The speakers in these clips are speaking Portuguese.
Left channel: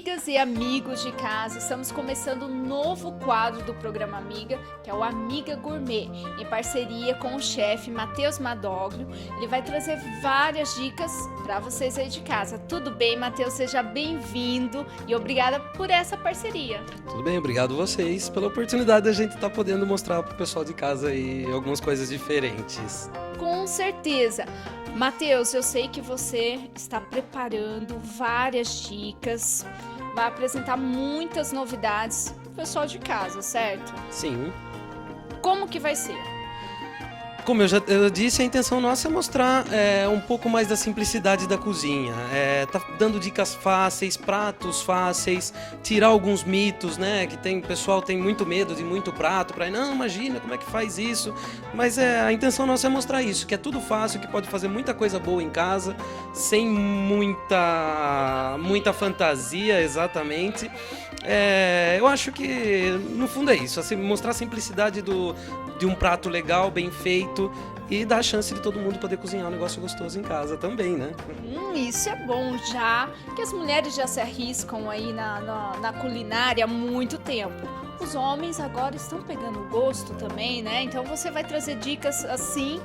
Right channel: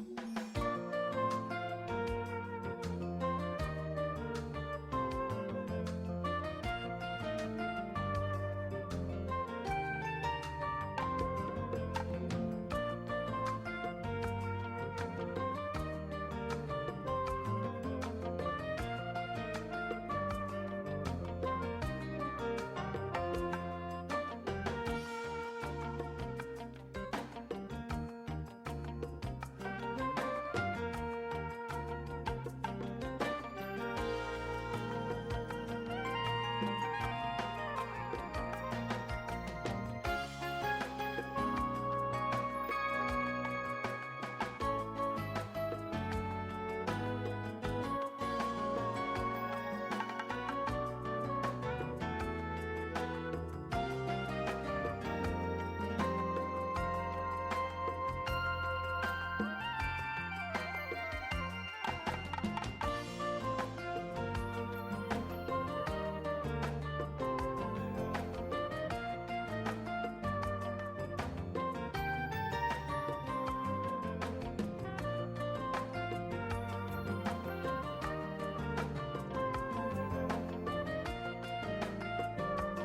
Amigas e amigos de casa, estamos começando um novo quadro do programa Amiga, que é o Amiga Gourmet, em parceria com o chefe Matheus Madoglio. Ele vai trazer várias dicas para vocês aí de casa. Tudo bem, Matheus? Seja bem-vindo e obrigada por essa parceria. Tudo bem, obrigado vocês pela oportunidade de a gente estar podendo mostrar para o pessoal de casa aí algumas coisas diferentes. Com certeza. Matheus, eu sei que você está preparando várias dicas, vai apresentar muitas novidades para o pessoal de casa, certo? Sim. Como que vai ser? Como eu disse, a intenção nossa é mostrar um pouco mais da simplicidade da cozinha. Tá dando dicas fáceis, pratos fáceis, tirar alguns mitos, né? Que o pessoal tem muito medo de muito prato, não, imagina como é que faz isso. Mas a intenção nossa é mostrar isso, que é tudo fácil, que pode fazer muita coisa boa em casa, sem muita fantasia, exatamente. Eu acho que no fundo é isso, assim, mostrar a simplicidade de um prato legal, bem feito, e dar a chance de todo mundo poder cozinhar um negócio gostoso em casa também, né? Isso é bom já, que as mulheres já se arriscam aí na culinária há muito tempo. Os homens agora estão pegando gosto também, né? Então você vai trazer dicas assim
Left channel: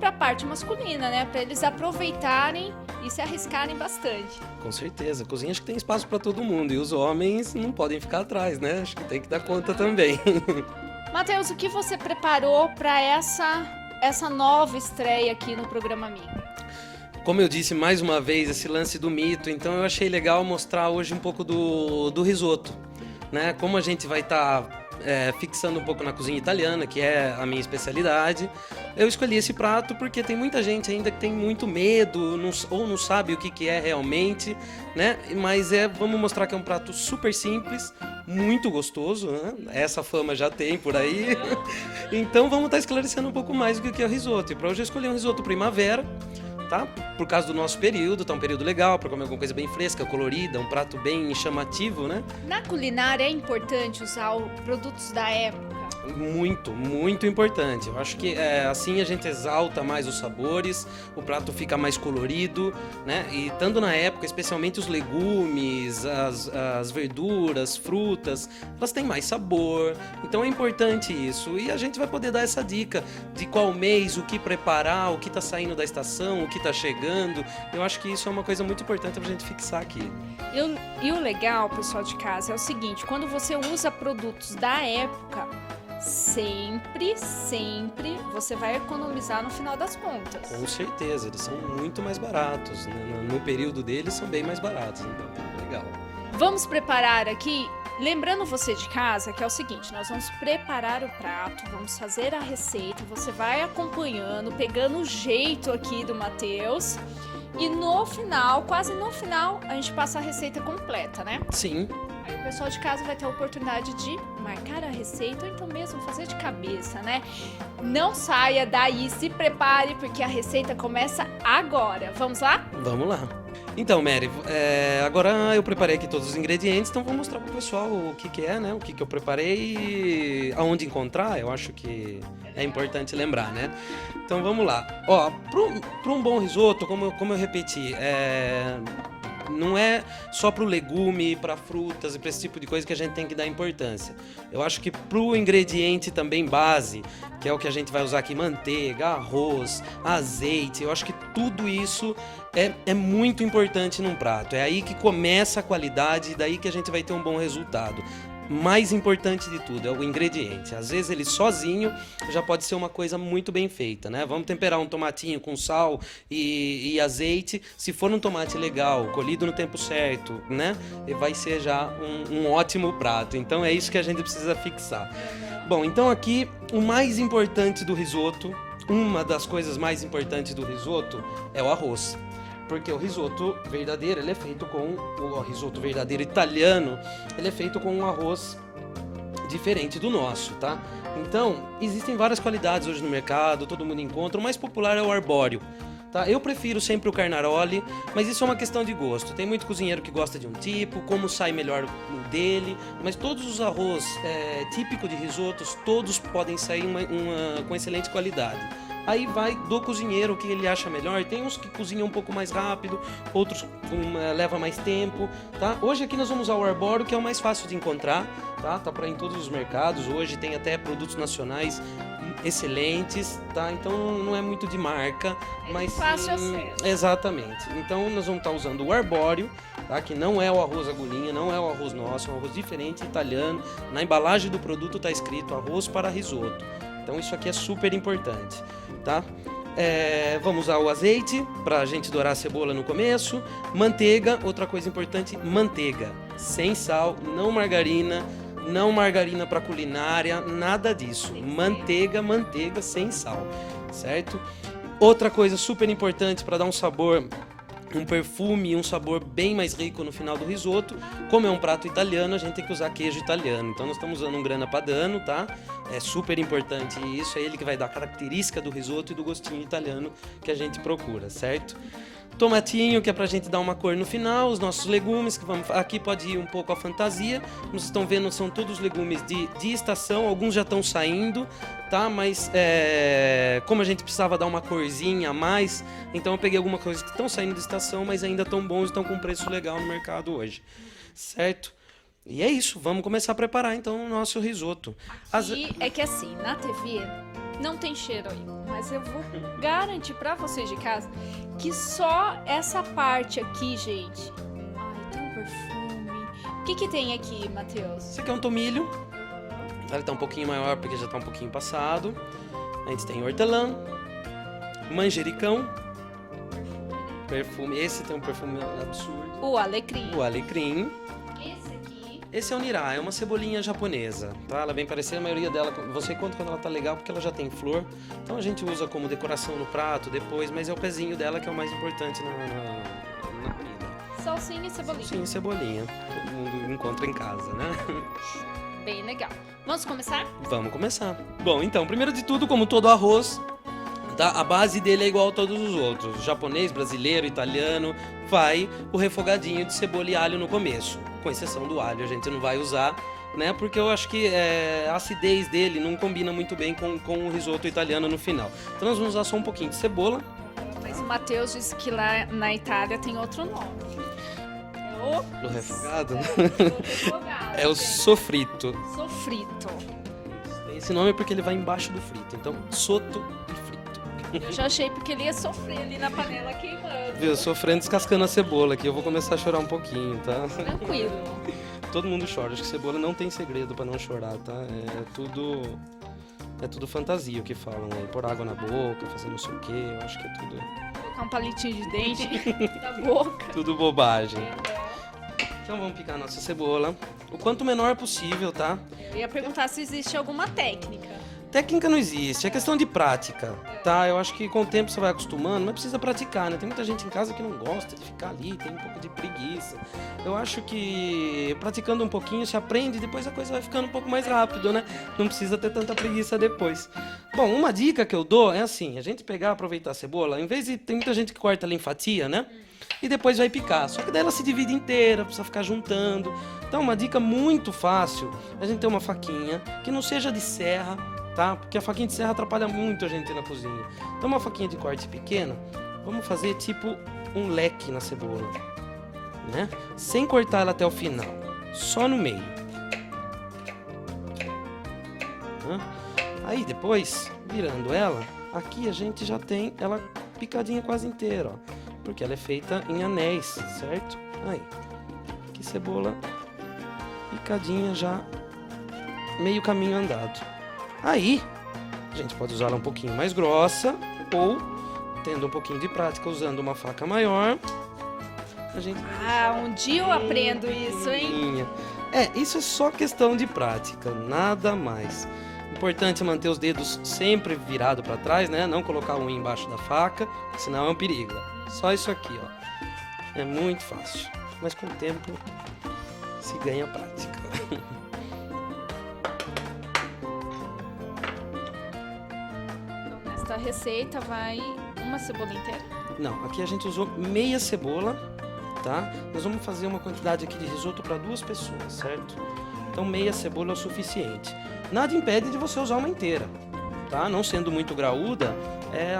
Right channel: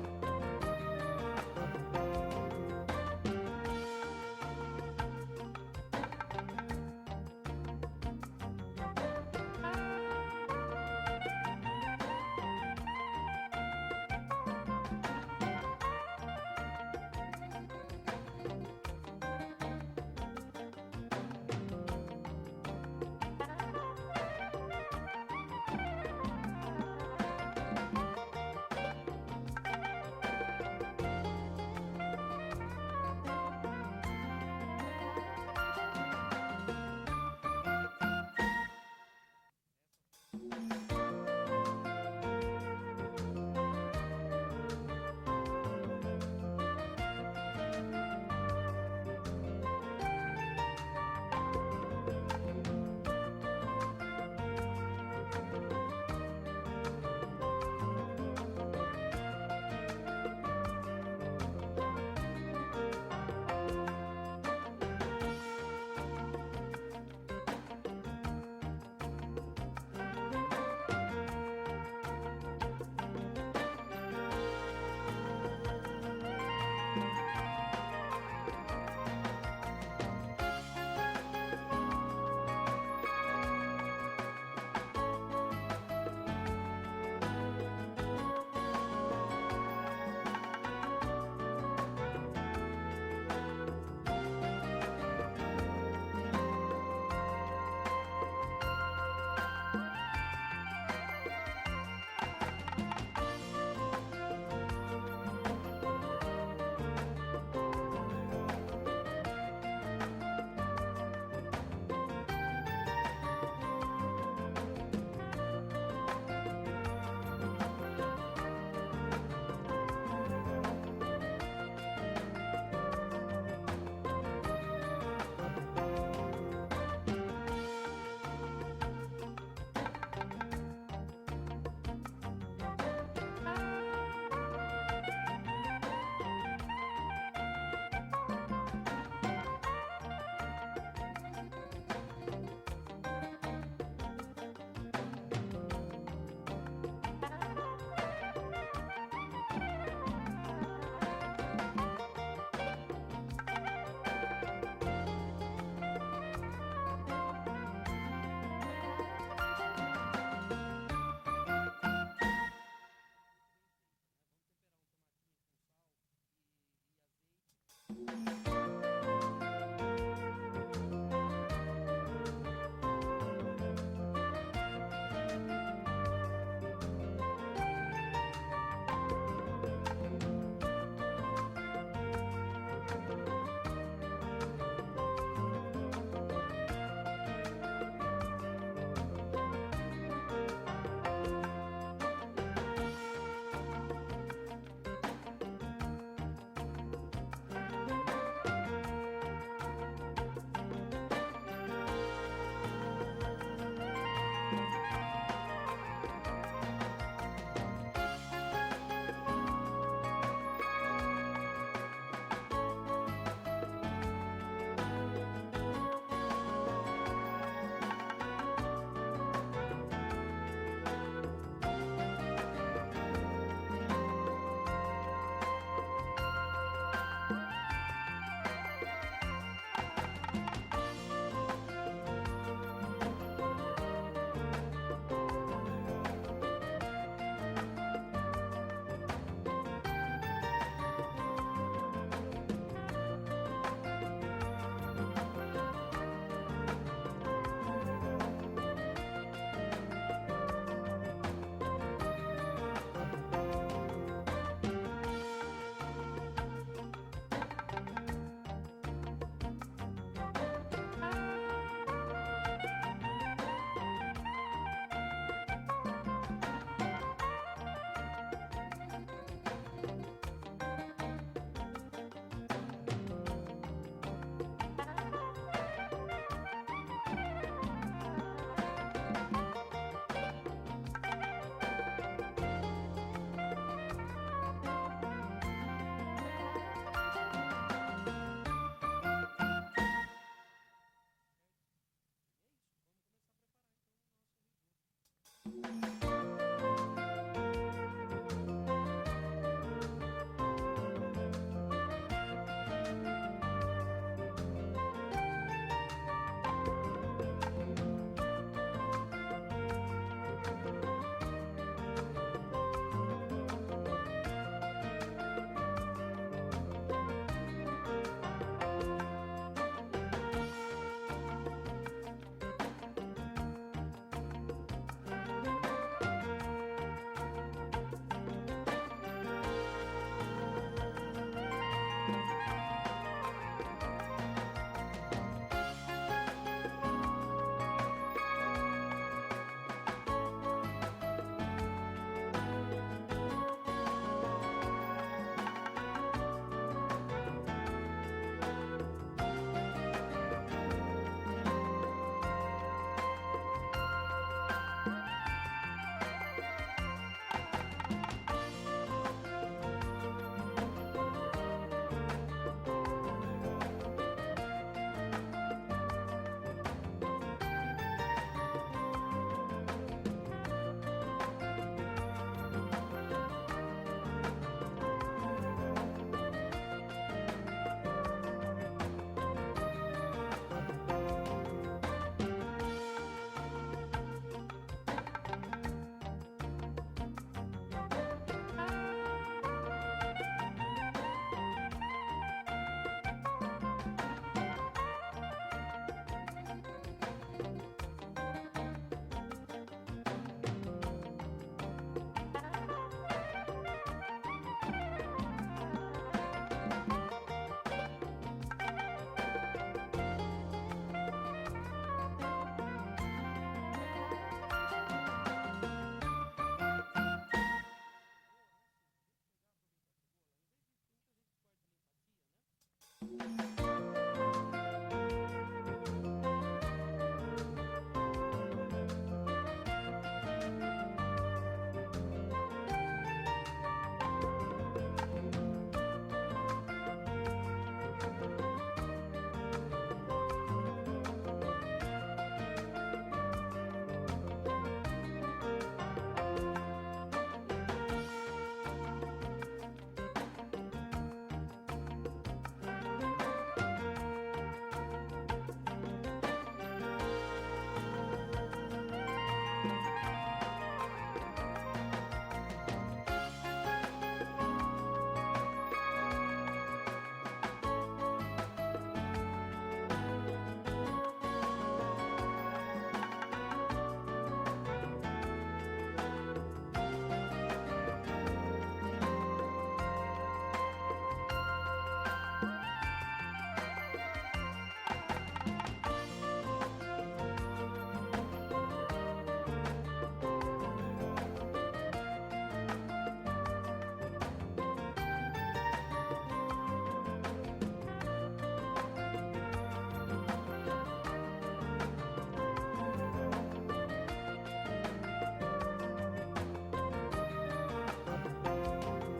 para a parte masculina, né? Para eles aproveitarem e se arriscarem bastante. Com certeza, cozinha acho que tem espaço para todo mundo e os homens não podem ficar atrás, né? Acho que tem que dar conta também. Matheus, o que você preparou para essa nova estreia aqui no programa Amiga? Como eu disse mais uma vez, esse lance do mito, então eu achei legal mostrar hoje um pouco do risoto, né? Como a gente vai estar fixando um pouco na cozinha italiana, que é a minha especialidade, eu escolhi esse prato porque tem muita gente ainda que tem muito medo ou não sabe o que é realmente, né? Mas vamos mostrar que é um prato super simples, muito gostoso, né? Essa fama já tem por aí. Então vamos estar esclarecendo um pouco mais o que é o risoto. E para hoje eu escolhi um risoto primavera, tá? Por causa do nosso período, tá um período legal para comer alguma coisa bem fresca, colorida, um prato bem chamativo, né? Na culinária é importante usar produtos da época? Muito, muito importante. Eu acho que assim a gente exalta mais os sabores, o prato fica mais colorido, né? E estando na época, especialmente os legumes, as verduras, frutas, elas têm mais sabor. Então é importante isso. E a gente vai poder dar essa dica de qual mês, o que preparar, o que está saindo da estação, o que está chegando. Eu acho que isso é uma coisa muito importante para a gente fixar aqui. E o legal, pessoal de casa, é o seguinte: quando você usa produtos da época, sempre você vai economizar no final das contas. Com certeza, eles são muito mais baratos, né? No período deles são bem mais baratos, né? Legal. Vamos preparar aqui, lembrando você de casa, que é o seguinte: nós vamos preparar o prato, vamos fazer a receita, você vai acompanhando, pegando o jeito aqui do Matheus, e no final, quase no final, a gente passa a receita completa, né? Sim. Aí o pessoal de casa vai ter a oportunidade de marcar a receita ou então mesmo fazer de cabeça, né? Não saia daí, se prepare, porque a receita começa agora. Vamos lá? Vamos lá. Então, Mary, agora eu preparei aqui todos os ingredientes, então vou mostrar pro pessoal o que é, né? O que eu preparei e aonde encontrar, eu acho que é importante lembrar, né? Então vamos lá. Ó, para um bom risoto, como eu repeti, não é só para o legume, para frutas e para esse tipo de coisa que a gente tem que dar importância. Eu acho que para o ingrediente também base, que é o que a gente vai usar aqui, manteiga, arroz, azeite, eu acho que tudo isso é muito importante num prato. É aí que começa a qualidade e daí que a gente vai ter um bom resultado. Mais importante de tudo é o ingrediente. Às vezes ele sozinho já pode ser uma coisa muito bem feita, né? Vamos temperar um tomatinho com sal e azeite. Se for um tomate legal, colhido no tempo certo, né? Vai ser já um ótimo prato. Então é isso que a gente precisa fixar. Bom, então aqui o mais importante do risoto, uma das coisas mais importantes do risoto é o arroz. Porque o risoto verdadeiro, ele é feito com o risoto verdadeiro italiano, ele é feito com um arroz diferente do nosso, tá? Então, existem várias qualidades hoje no mercado, todo mundo encontra. O mais popular é o arbóreo, tá? Eu prefiro sempre o Carnaroli, mas isso é uma questão de gosto. Tem muito cozinheiro que gosta de um tipo, como sai melhor dele, mas todos os arroz típicos de risotos, todos podem sair com excelente qualidade. Aí vai do cozinheiro, o que ele acha melhor. Tem uns que cozinham um pouco mais rápido, outros leva mais tempo, tá? Hoje aqui nós vamos usar o arbóreo, que é o mais fácil de encontrar, tá? Tá para em todos os mercados. Hoje tem até produtos nacionais excelentes, tá? Então não é muito de marca, mas fácil acesso. Exatamente. Então nós vamos estar usando o arbóreo, tá? Que não é o arroz agulhinha, não é o arroz nosso, é um arroz diferente, italiano. Na embalagem do produto está escrito arroz para risoto. Então isso aqui é super importante, tá? Vamos usar o azeite para a gente dourar a cebola no começo. Manteiga, outra coisa importante, manteiga sem sal, não margarina. Não margarina para culinária, nada disso. Manteiga sem sal, certo? Outra coisa super importante para dar um sabor, um perfume, um sabor bem mais rico no final do risoto. Como é um prato italiano, a gente tem que usar queijo italiano. Então nós estamos usando um Grana Padano, tá? É super importante isso, é ele que vai dar a característica do risoto e do gostinho italiano que a gente procura, certo? Tomatinho, que é pra gente dar uma cor no final, os nossos legumes, que vamos, aqui pode ir um pouco a fantasia. Vocês estão vendo, são todos legumes de estação, alguns já estão saindo, tá? Mas como a gente precisava dar uma corzinha a mais, então eu peguei algumas coisas que estão saindo de estação, mas ainda estão bons, estão com preço legal no mercado hoje, certo? E é isso, vamos começar a preparar então o nosso risoto. E é que assim, na TV não tem cheiro ali, mas eu vou garantir pra vocês de casa que só essa parte aqui, gente, tem um perfume. O que tem aqui, Matheus? Esse aqui é um tomilho, ele tá um pouquinho maior porque já tá um pouquinho passado. A gente tem hortelã, manjericão, perfume, esse tem um perfume absurdo. O alecrim. O alecrim. Esse é o nirá, é uma cebolinha japonesa, tá? Ela vem parecendo, a maioria dela, você conta quando ela tá legal porque ela já tem flor, então a gente usa como decoração no prato depois, mas é o pezinho dela que é o mais importante na comida. Salsinha e cebolinha. Salsinha e cebolinha, todo mundo encontra em casa, né? Bem legal. Vamos começar? Vamos começar. Bom, então, primeiro de tudo, como todo arroz, tá? A base dele é igual a todos os outros, japonês, brasileiro, italiano, vai o refogadinho de cebola e alho no começo. Com exceção do alho, a gente não vai usar, né? Porque eu acho que a acidez dele não combina muito bem com o risoto italiano no final. Então nós vamos usar só um pouquinho de cebola. Mas o Matheus disse que lá na Itália tem outro nome. O refogado? É o sofrito. Sofrito. Esse nome é porque ele vai embaixo do frito. Então, soto e frito. Eu já achei porque ele ia sofrer ali na panela queimando. Viu, sofrendo descascando a cebola aqui. Eu vou começar a chorar um pouquinho, tá? Tranquilo. Todo mundo chora. Acho que cebola não tem segredo pra não chorar, tá? É tudo fantasia o que falam, né? Pôr água na boca, fazer não sei o quê. Eu acho que é tudo... Colocar um palitinho de dente na boca. Tudo bobagem. Então vamos picar a nossa cebola. O quanto menor possível, tá? Eu ia perguntar se existe alguma técnica. Técnica não existe, é questão de prática, tá? Eu acho que com o tempo você vai acostumando, mas precisa praticar, né? Tem muita gente em casa que não gosta de ficar ali, tem um pouco de preguiça. Eu acho que praticando um pouquinho você aprende e depois a coisa vai ficando um pouco mais rápido, né? Não precisa ter tanta preguiça depois. Bom, uma dica que eu dou é assim, a gente pegar, aproveitar a cebola, em vez de... Tem muita gente que corta ela em fatia, né? E depois vai picar. Só que daí ela se divide inteira, precisa ficar juntando. Então, uma dica muito fácil é a gente ter uma faquinha que não seja de serra, tá? Porque a faquinha de serra atrapalha muito a gente na cozinha. Então, uma faquinha de corte pequena, vamos fazer tipo um leque na cebola, né? Sem cortar ela até o final, só no meio. Aí depois, virando ela, aqui a gente já tem ela picadinha quase inteira, ó. Porque ela é feita em anéis, certo? Aí, aqui cebola picadinha já, meio caminho andado. Aí, a gente pode usar ela um pouquinho mais grossa ou, tendo um pouquinho de prática, usando uma faca maior. A gente... um dia eu aprendo isso, hein? Isso é só questão de prática, nada mais. Importante manter os dedos sempre virados para trás, né? Não colocar um embaixo da faca, senão é um perigo. Só isso aqui, ó. É muito fácil, mas com o tempo se ganha prática. Esta receita vai uma cebola inteira? Não, aqui a gente usou meia cebola, tá? Nós vamos fazer uma quantidade aqui de risoto para 2 pessoas, certo? Então meia cebola é o suficiente. Nada impede de você usar uma inteira, tá? Não sendo muito graúda,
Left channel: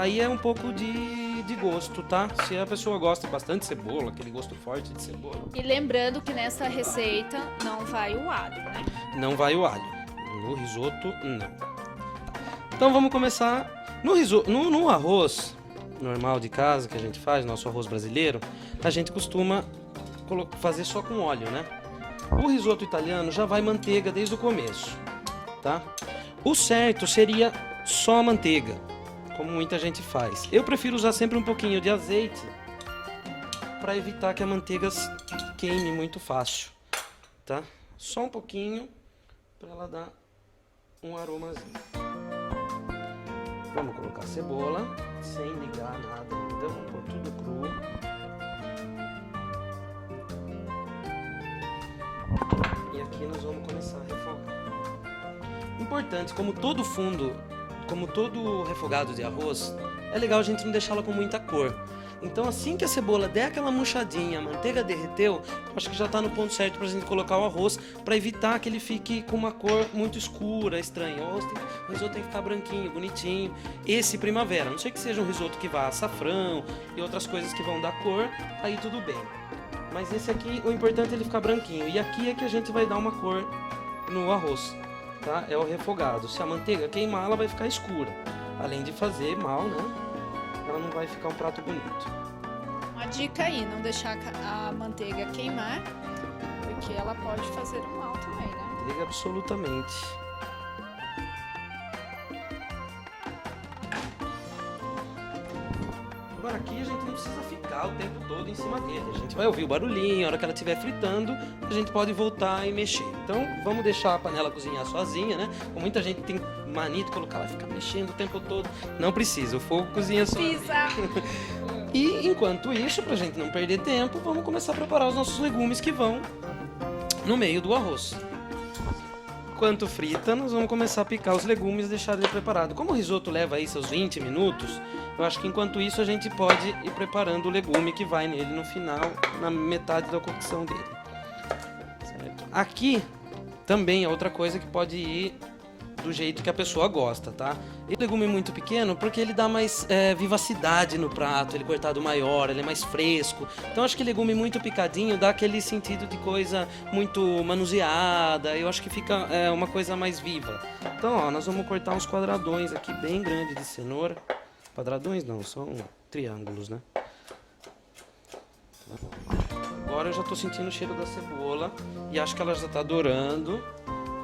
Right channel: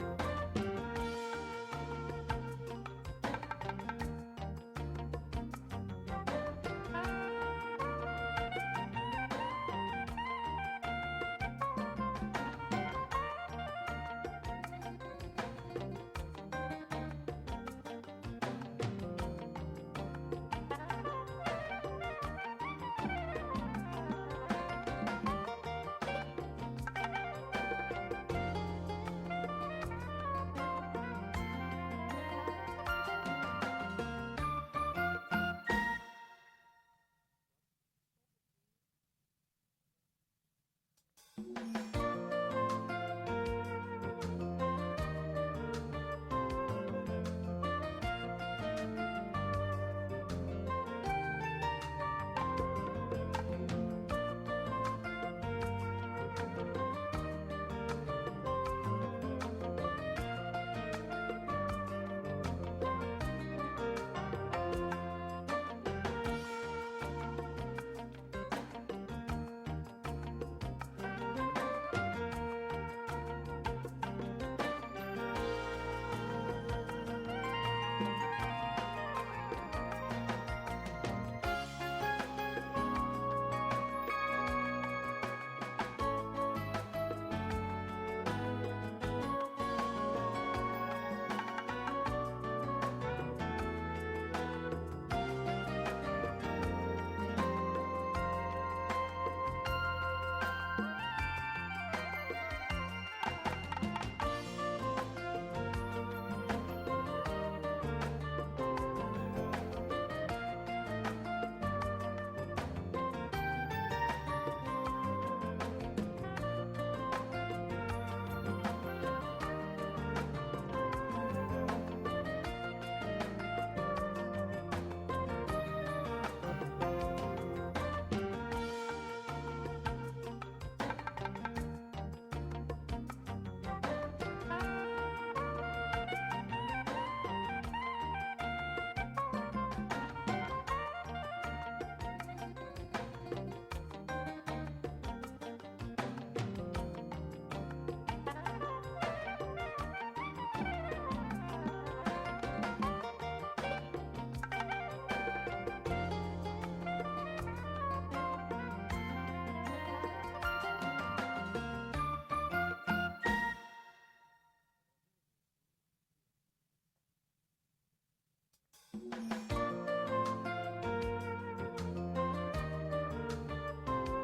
Aí é um pouco de gosto, tá? Se a pessoa gosta bastante de cebola, aquele gosto forte de cebola. E lembrando que nessa receita não vai o alho, né? Não vai o alho. No risoto, não. Então vamos começar. No arroz normal de casa que a gente faz, nosso arroz brasileiro, a gente costuma fazer só com óleo, né? O risoto italiano já vai manteiga desde o começo, tá? O certo seria só manteiga, como muita gente faz. Eu prefiro usar sempre um pouquinho de azeite para evitar que a manteiga queime muito fácil, tá? Só um pouquinho para ela dar um aromazinho. Vamos colocar a cebola sem ligar nada, então um pouquinho cru. E aqui nós vamos começar a refogar. Importante, como todo refogado de arroz, é legal a gente não deixá-la com muita cor. Então assim que a cebola der aquela murchadinha, a manteiga derreteu, acho que já está no ponto certo para a gente colocar o arroz, para evitar que ele fique com uma cor muito escura, estranha. O risoto tem que ficar branquinho, bonitinho. Esse primavera, a não sei que seja um risoto que vá açafrão e outras coisas que vão dar cor, aí tudo bem. Mas esse aqui, o importante é ele ficar branquinho. E aqui é que a gente vai dar uma cor no arroz, tá? É o refogado. Se a manteiga queimar, ela vai ficar escura. Além de fazer mal, né? Ela não vai ficar um prato bonito. Uma dica aí, não deixar a manteiga queimar, porque ela pode fazer mal também, né? Liga absolutamente. Agora aqui a gente não precisa ficar o tempo todo em cima dele. A gente vai ouvir o barulhinho, a hora que ela estiver fritando, a gente pode voltar e mexer. Então vamos deixar a panela cozinhar sozinha, né? Como muita gente tem mania de colocar, ela fica mexendo o tempo todo. Não precisa, o fogo cozinha só. Pisa! E enquanto isso, pra gente não perder tempo, vamos começar a preparar os nossos legumes que vão no meio do arroz. Enquanto frita, nós vamos começar a picar os legumes e deixar ele preparado. Como o risoto leva aí seus 20 minutos, eu acho que enquanto isso a gente pode ir preparando o legume que vai nele no final, na metade da cocção dele. Certo? Aqui também é outra coisa que pode ir do jeito que a pessoa gosta, tá? E o legume é muito pequeno porque ele dá mais vivacidade no prato, ele cortado maior, ele é mais fresco. Então acho que legume muito picadinho dá aquele sentido de coisa muito manuseada, eu acho que fica uma coisa mais viva. Então ó, nós vamos cortar uns quadradões aqui bem grandes de cenoura. Quadradões não, são triângulos, né? Agora eu já tô sentindo o cheiro da cebola e acho que ela já tá dourando.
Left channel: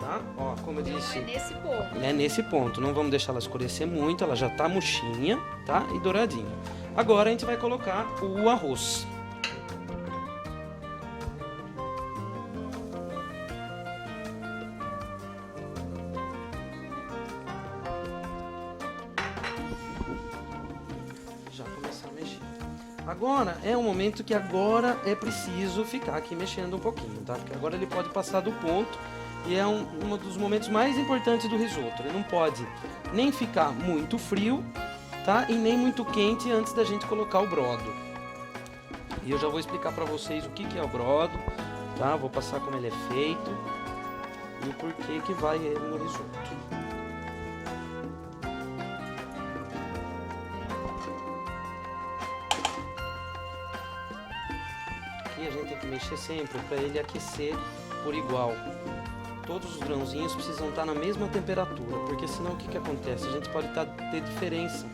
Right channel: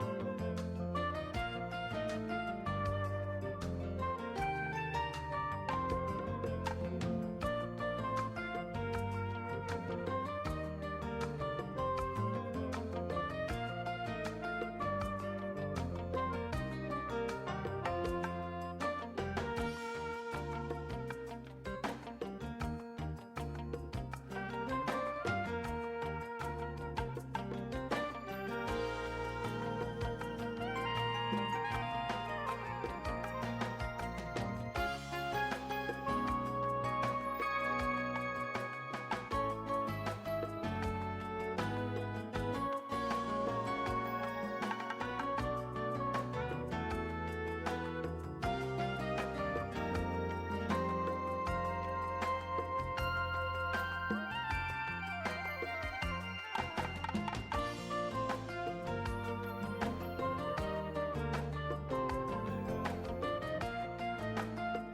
Tá? Ó, como eu disse, É nesse ponto. é nesse ponto. Não vamos deixar ela escurecer muito, ela já tá murchinha, tá? E douradinha. Agora a gente vai colocar o arroz. Já começar a mexer. Agora é um momento que agora é preciso ficar aqui mexendo um pouquinho, tá? Porque agora ele pode passar do ponto. E é um dos momentos mais importantes do risoto. Ele não pode nem ficar muito frio, tá? E nem muito quente antes da gente colocar o brodo. E eu já vou explicar para vocês o que é o brodo, tá? Vou passar como ele é feito e por que vai ele no risoto. E a gente tem que mexer sempre para ele aquecer por igual. Todos os grãozinhos precisam estar na mesma temperatura, porque senão o que acontece? A gente pode ter diferença.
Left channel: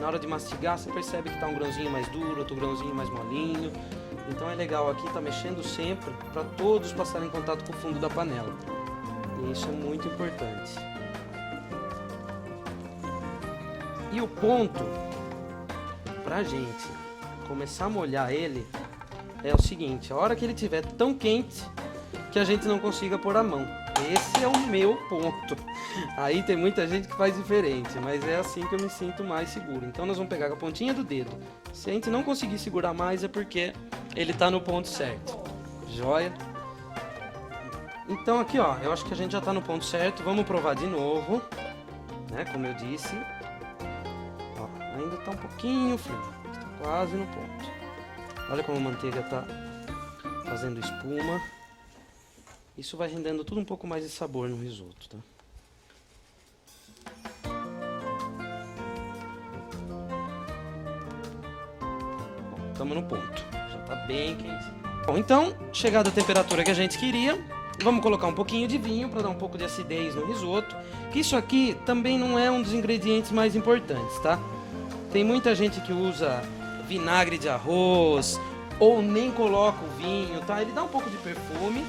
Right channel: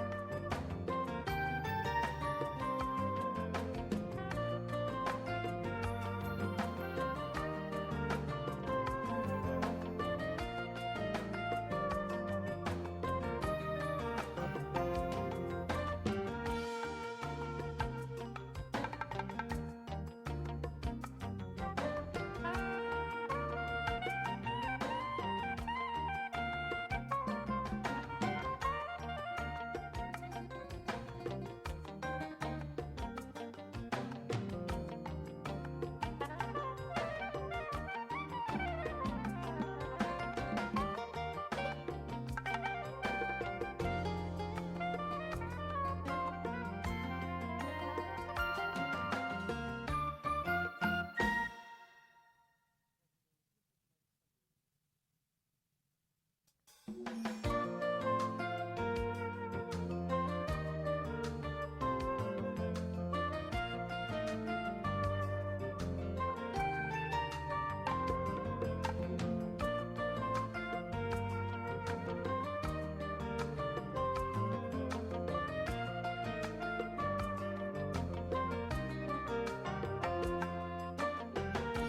Na hora de mastigar, você percebe que está um grãozinho mais duro, outro grãozinho mais molinho. Então é legal aqui estar mexendo sempre para todos passarem em contato com o fundo da panela. E isso é muito importante. E o ponto para a gente começar a molhar ele é o seguinte: a hora que ele estiver tão quente que a gente não consiga pôr a mão. Esse é o meu ponto. Aí tem muita gente que faz diferente, mas é assim que eu me sinto mais seguro. Então nós vamos pegar com a pontinha do dedo. Se a gente não conseguir segurar mais é porque ele tá no ponto certo. Joia? Então aqui ó, eu acho que a gente já tá no ponto certo. Vamos provar de novo, né? Como eu disse. Ó, ainda tá um pouquinho frio, tá quase no ponto. Olha como a manteiga tá fazendo espuma. Isso vai rendendo tudo um pouco mais de sabor no risoto, tá? bem quente. Bom, então, chegada a temperatura que a gente queria, vamos colocar um pouquinho de vinho para dar um pouco de acidez no risoto. Isso aqui também não é um dos ingredientes mais importantes, tá? Tem muita gente que usa vinagre de arroz ou nem coloca o vinho, tá? Ele dá um pouco de perfume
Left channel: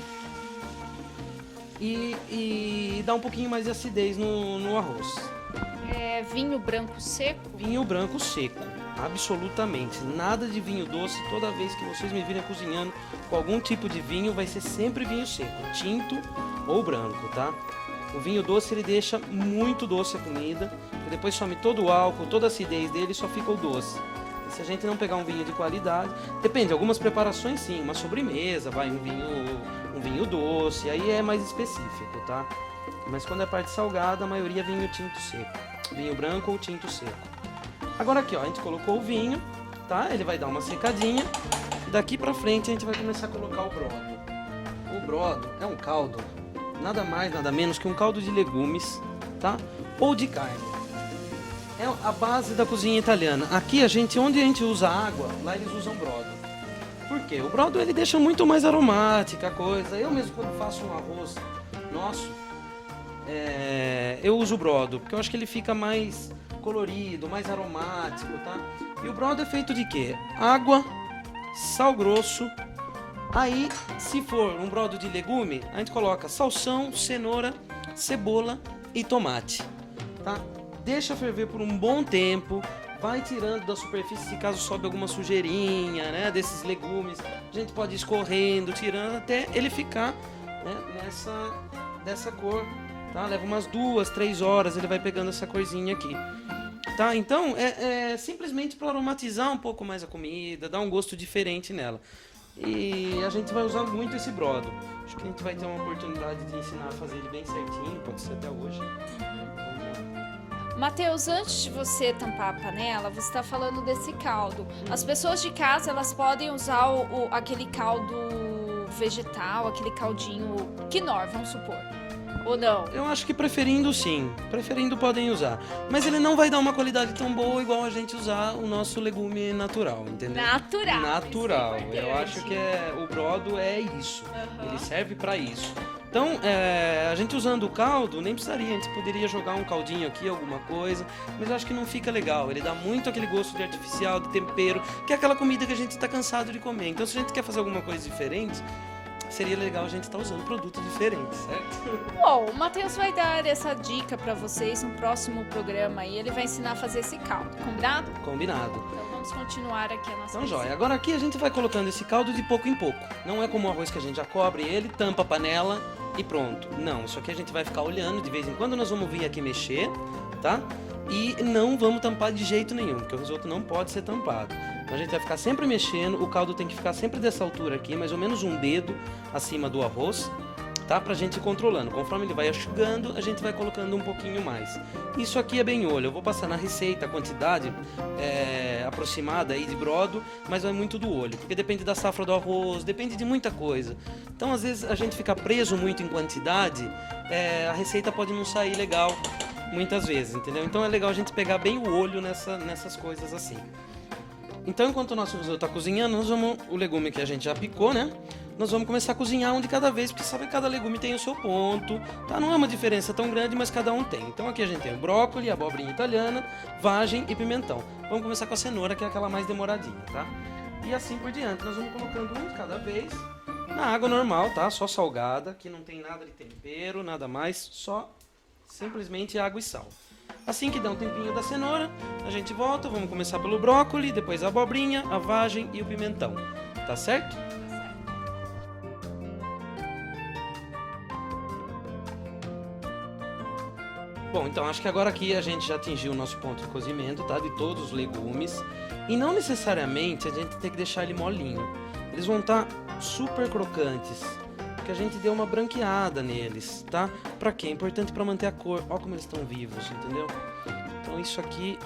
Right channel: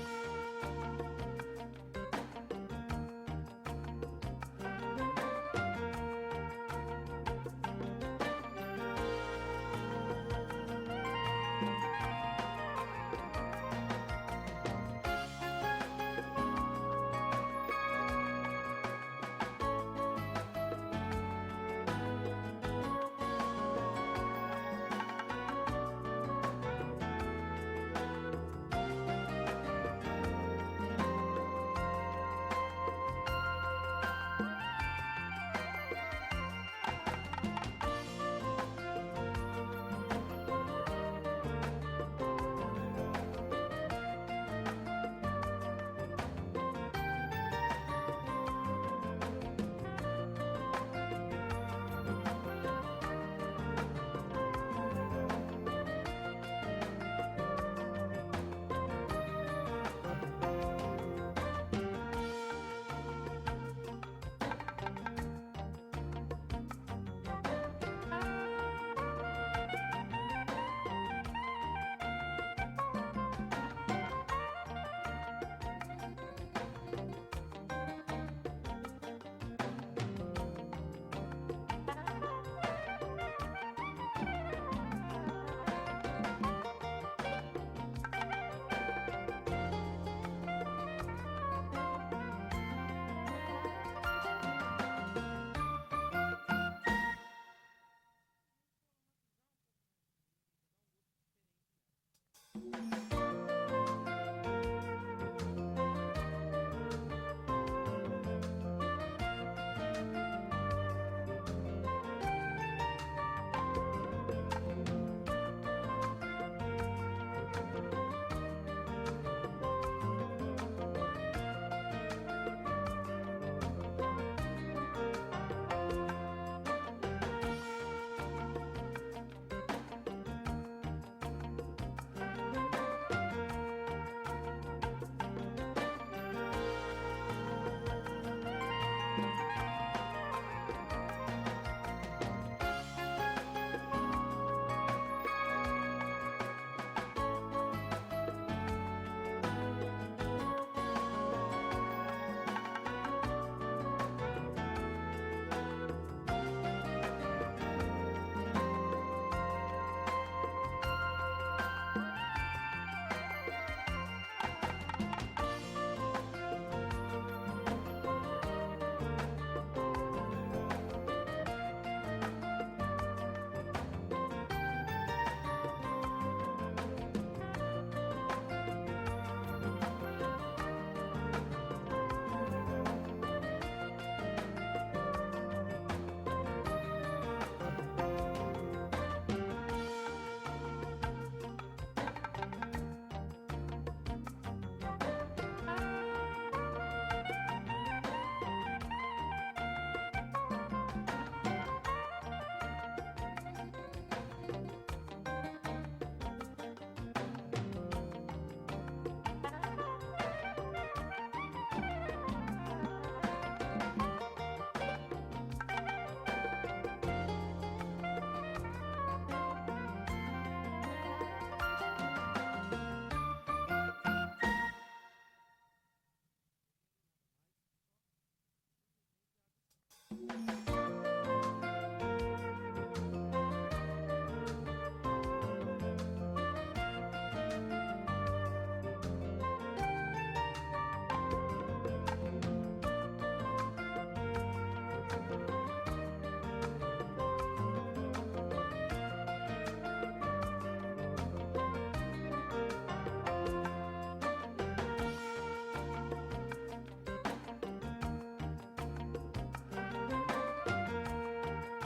e dá um pouquinho mais de acidez no arroz. É vinho branco seco? Vinho branco seco, absolutamente. Nada de vinho doce. Toda vez que vocês me virem cozinhando com algum tipo de vinho, vai ser sempre vinho seco, tinto ou branco, tá? O vinho doce, ele deixa muito doce a comida, e depois some todo o álcool, toda a acidez dele, só fica o doce. Se a gente não pegar um vinho de qualidade, depende, algumas preparações sim, uma sobremesa, vai um vinho doce, aí é mais específico, tá? Mas quando é parte salgada, a maioria é vinho tinto seco, vinho branco ou tinto seco. Agora aqui, ó, a gente colocou o vinho, tá? Ele vai dar uma secadinha. Daqui pra frente a gente vai começar a colocar o brodo. O brodo é um caldo, nada mais, nada menos que um caldo de legumes, tá? Ou de carne. É a base da cozinha italiana. Aqui onde a gente usa água, lá eles usam brodo. Por quê? O brodo ele deixa muito mais aromática a coisa. Eu mesmo quando faço um arroz nosso, eu uso o brodo, porque eu acho que ele fica mais colorido, mais aromático, tá? E o brodo é feito de quê? Água, sal grosso. Aí, se for um brodo de legume, a gente coloca salsão, cenoura, cebola e tomate, tá? Deixa ferver por um bom tempo, vai tirando da superfície se caso sobe alguma sujeirinha, né, desses legumes. A gente pode ir escorrendo, tirando até ele ficar, né, dessa cor, tá? Leva umas 2, 3 horas, ele vai pegando essa corzinha aqui. Tá, então é simplesmente para aromatizar um pouco mais a comida, dar um gosto diferente nela. E a gente vai usar muito esse brodo. Acho que a gente vai ter uma oportunidade de ensinar a fazer ele bem certinho, pode ser até hoje. Matheus, antes de você tampar a panela, você está falando desse caldo. As pessoas de casa, elas podem usar aquele caldo vegetal, aquele caldinho quinor, vamos supor. Ou não? Eu acho que preferindo sim, preferindo podem usar. Mas ele não vai dar uma qualidade tão boa igual a gente usar o nosso legume natural, entendeu? Natural. Eu acho que o brodo é isso, ele serve para isso. Então, a gente usando o caldo, nem precisaria, a gente poderia jogar um caldinho aqui, alguma coisa, mas eu acho que não fica legal. Ele dá muito aquele gosto de artificial, de tempero, que é aquela comida que a gente está cansado de comer. Então, se a gente quer fazer alguma coisa diferente, seria legal a gente estar usando produtos diferentes, certo? Bom, o Matheus vai dar essa dica para vocês no próximo programa e ele vai ensinar a fazer esse caldo, combinado? Combinado. Então vamos continuar aqui a nossa Então, receita. joia. Agora aqui a gente vai colocando esse caldo de pouco em pouco. Não é como o arroz que a gente já cobre ele, tampa a panela e pronto. Não, isso aqui a gente vai ficar olhando de vez em quando, nós vamos vir aqui mexer, tá? E não vamos tampar de jeito nenhum, porque o risoto não pode ser tampado. Então a gente vai ficar sempre mexendo, o caldo tem que ficar sempre dessa altura aqui, mais ou menos um dedo acima do arroz, tá? Pra gente ir controlando. Conforme ele vai enxugando, a gente vai colocando um pouquinho mais. Isso aqui é bem olho, eu vou passar na receita a quantidade aproximada aí de brodo, mas vai muito do olho, porque depende da safra do arroz, depende de muita coisa. Então às vezes a gente fica preso muito em quantidade, a receita pode não sair legal muitas vezes, entendeu? Então é legal a gente pegar bem o olho nessas coisas assim. Então enquanto o nosso risoto está cozinhando, o legume que a gente já picou, né? Nós vamos começar a cozinhar um de cada vez, porque sabe que cada legume tem o seu ponto, tá? Não é uma diferença tão grande, mas cada um tem. Então aqui a gente tem o brócolis, a abobrinha italiana, vagem e pimentão. Vamos começar com a cenoura, que é aquela mais demoradinha, tá? E assim por diante, nós vamos colocando um de cada vez na água normal, tá? Só salgada, que não tem nada de tempero, nada mais, só simplesmente água e sal. Assim que dá um tempinho da cenoura, a gente volta, vamos começar pelo brócolis, depois a abobrinha, a vagem e o pimentão, tá certo? Bom, então acho que agora aqui a gente já atingiu o nosso ponto de cozimento, tá? De todos os legumes. E não necessariamente a gente tem que deixar ele molinho. Eles vão estar super crocantes, porque a gente deu uma branqueada neles, tá? Pra quê? É importante pra manter a cor. Olha como eles estão vivos, entendeu? Então isso aqui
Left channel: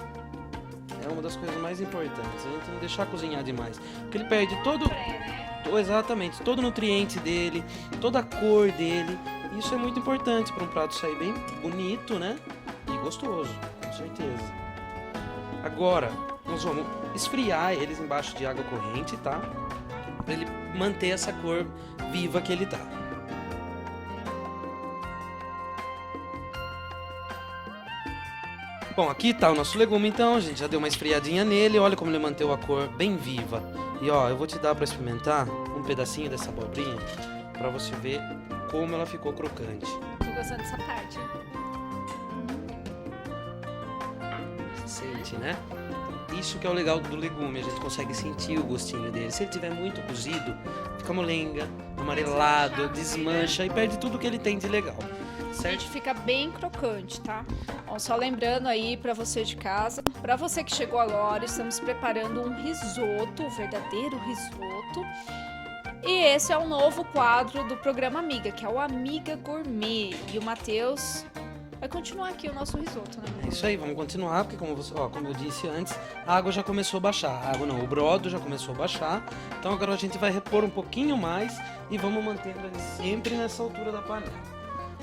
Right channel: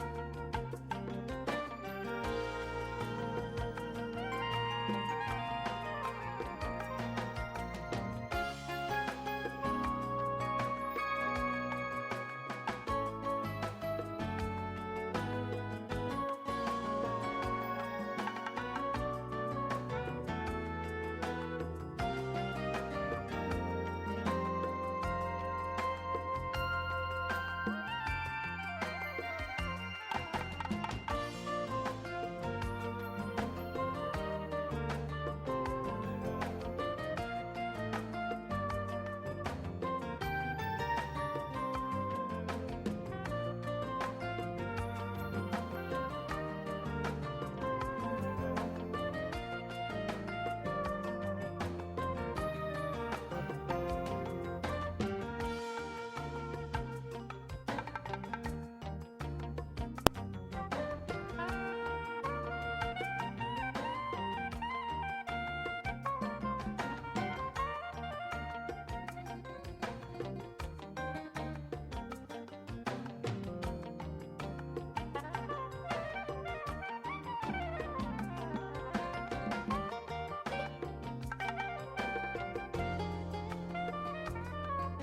é uma das coisas mais importantes. A gente não deixar cozinhar demais, porque ele perde exatamente, todo o nutriente dele, toda a cor dele. Isso é muito importante para um prato sair bem bonito, né? E gostoso, com certeza. Agora, nós vamos esfriar eles embaixo de água corrente, tá? manter essa cor viva que ele tá. Bom, aqui tá o nosso legume então, a gente já deu uma esfriadinha nele, olha como ele manteve a cor bem viva. E ó, eu vou te dar pra experimentar um pedacinho dessa abobrinha pra você ver como ela ficou crocante. Tô gostando dessa parte. Sente, né? Isso que é o legal do legume, a gente consegue sentir o gostinho dele. Se ele tiver muito cozido, fica molenga, amarelado, desmancha e perde tudo que ele tem de legal. Certo? Gente, fica bem crocante, tá? Bom, só lembrando aí pra você de casa, pra você que chegou agora, estamos preparando um risoto, um verdadeiro risoto. E esse é o novo quadro do programa Amiga, que é o Amiga Gourmet. E o Matheus vai continuar aqui o nosso risoto, né? É isso aí, vamos continuar, porque como eu disse antes, a água já começou a baixar. A água não, o brodo já começou a baixar. Então agora a gente vai repor um pouquinho mais e vamos mantendo ele sempre nessa altura da panela.